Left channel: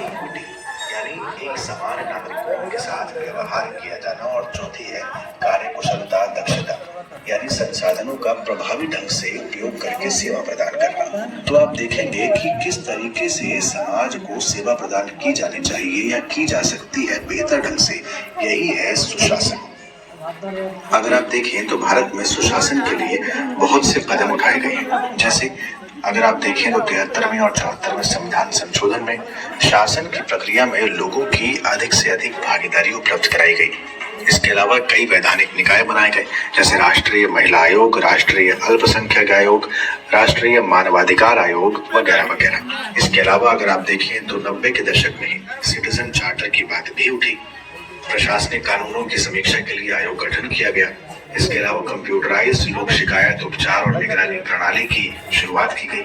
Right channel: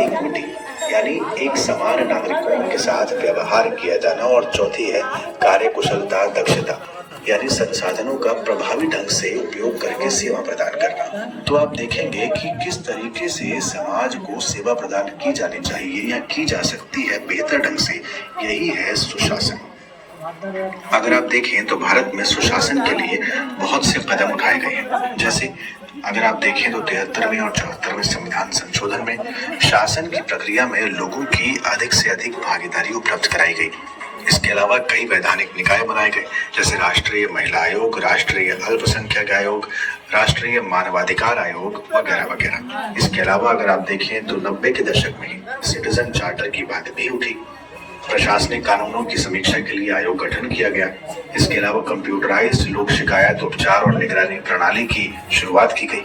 Equity यानी एक समान नागरिकों के साथ व्यवहार किया जाना, और चौथी है कार्यकुशलता दक्षता यानी संसाधनों का प्रभावी ढंग से उपयोग करके सेवा प्रदान करना। तो आप देखेंगे कि किस तरीके से समाज को सेवा प्रदान की जानी चाहिए या की जा सकती है बेहतर ढंग से, यही है सुशासन। अगर आप देखें तो भारत में सुशासन के लिए बहुत से कदम उठाए गए हैं। जैसे अगर आप देखें तो 73वें और 74वें संविधान संशोधन में शासन की प्रक्रिया में लोगों की अधिक से अधिक भागीदारी उपलब्ध कराई गई। इसके अलावा कई वैधानिक निकाय बनाए गए, जैसे राष्ट्रीय महिला आयोग, राष्ट्रीय अल्पसंख्यक आयोग, राष्ट्रीय मानवाधिकार आयोग वगैरह वगैरह। इसके अलावा अगर आप देखें तो 90 के दशक में सिटीजन चार्टर की बात भी उठी। प्रशासनिक कानूनों की समीक्षा के लिए आयोग गठन किया गया। इसके अलावा कंप्यूटराइज्ड लोक शिकायत उपचार और निगरानी प्रणाली की शुरुआत की गई।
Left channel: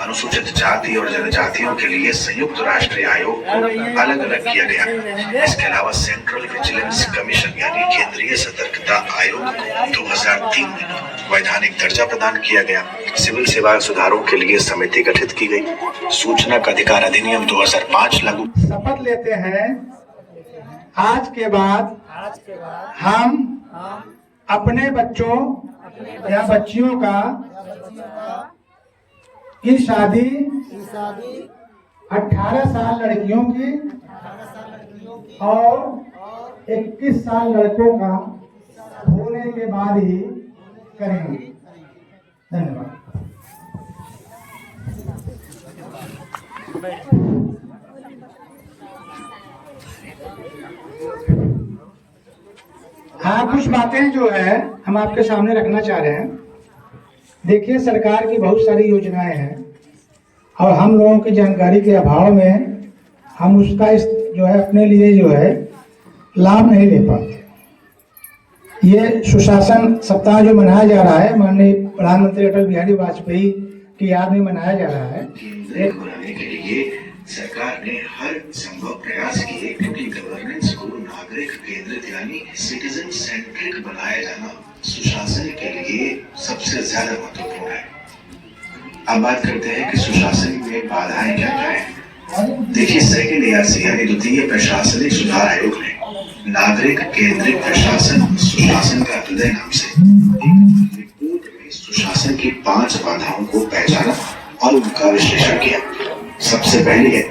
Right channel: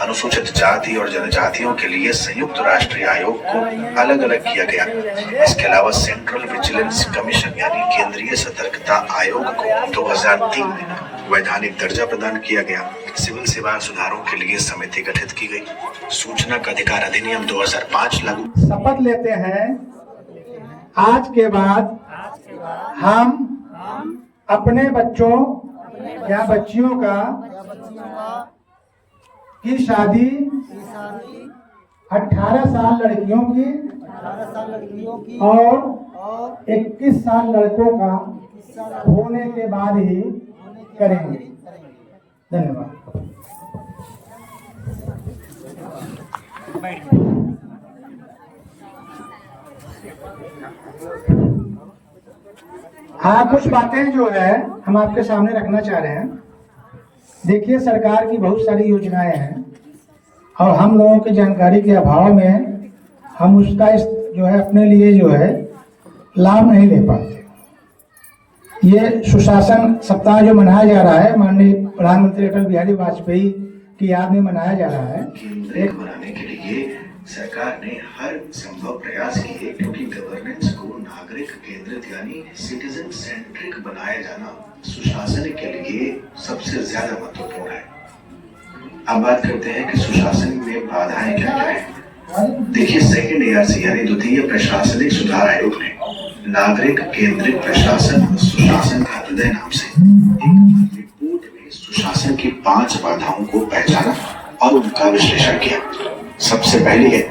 अनुसूचित जाति और जनजातियों के लिए संयुक्त राष्ट्रीय आयोग को अलग अलग किया गया। इसके अलावा सेंट्रल विजिलेंस कमीशन यानी केंद्रीय सतर्कता आयोग को 2003 में वैधानिक दर्जा प्रदान किया गया। सिविल सेवा सुधारों के लिए समिति गठित की गई। सूचना का अधिकार अधिनियम 2005 लागू। शपथ लेते हैं आज के बाद हम अपने बच्चों या बच्चियों का की शादी 18 साल लड़कियों की और 21 साल लड़कों का होने के बाद ही करेंगे। धन्यवाद। हाँ, कुछ बातें जो है हम आपके सामने रखना चाह रहे हैं। देखिए, सरकार की बहुत सारी योजनाएं हैं और हम लोगों की जानकारी के अभाव में हम उसका जो है अपने लिए जो है लाभ नहीं ले पाते। ये सुशासन सप्ताह जो मनाया जा रहा है, माननीय प्रधानमंत्री अटल बिहारी वाजपेयी की याद में मनाया जा रहा है। बनाने के लिए सरकार ने हर संभव प्रयास किए, क्योंकि गवर्नेंस को नागरिक केंद्रित यानी सिटीजन सेंट्रिक बनाया जाना सुशासन के लिए सबसे ज्यादा महत्वपूर्ण है। अब बात करते हैं कि सुशासन में बाधाएं क्या क्या है। देखिए, सेकेंड ARC यानी द्वितीय प्रशासनिक सुधार आयोग ने नागरिक केंद्रित प्रशासन सुशासन का हृदय नाम से एक रिपोर्ट में सुशासन की 5 बाधाओं को पहचाना और उनका विश्लेषण किया। सबसे पहली है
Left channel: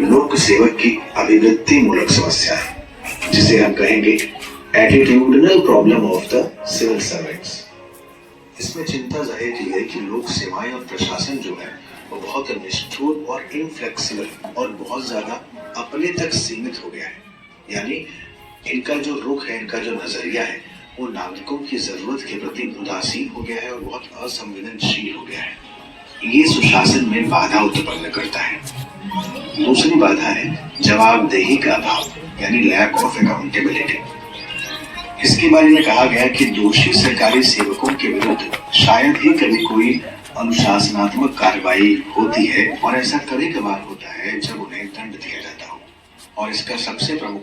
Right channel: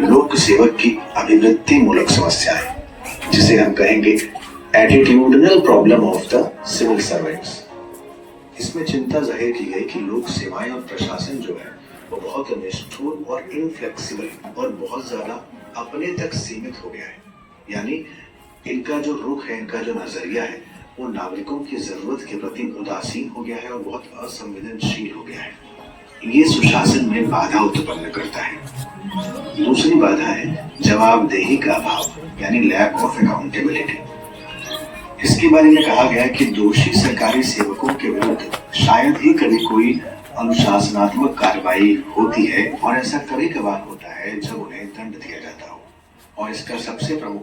लोक सेवक की अभिवृत्ति मूलक समस्या है, जिसे हम कहेंगे attitudinal problem of the civil servants. इसमें चिंता जाहिर की गई कि लोक सेवाएं और प्रशासन जो है वो बहुत निष्ठुर और इनफ्लेक्सिबल और बहुत ज्यादा अपने तक सीमित हो गया है। यानी इनका जो रुख है, इनका जो नजरिया है, वो नागरिकों की जरूरत के प्रति उदासीन हो गया है और बहुत असंवेदनशील हो गया है। ये सुशासन में बाधा उत्पन्न करता है। दूसरी बाधा है जवाबदेही का अभाव यानी लैक ऑफ अकाउंटेबिलिटी। इसके बारे में कहा गया कि दोषी सरकारी सेवकों के विरुद्ध शायद ही कभी कोई अनुशासनात्मक कार्रवाई होती है, और ऐसा कभी कभार होता है जब उन्हें दंड दिया जाता हो। और इसका सबसे प्रमुख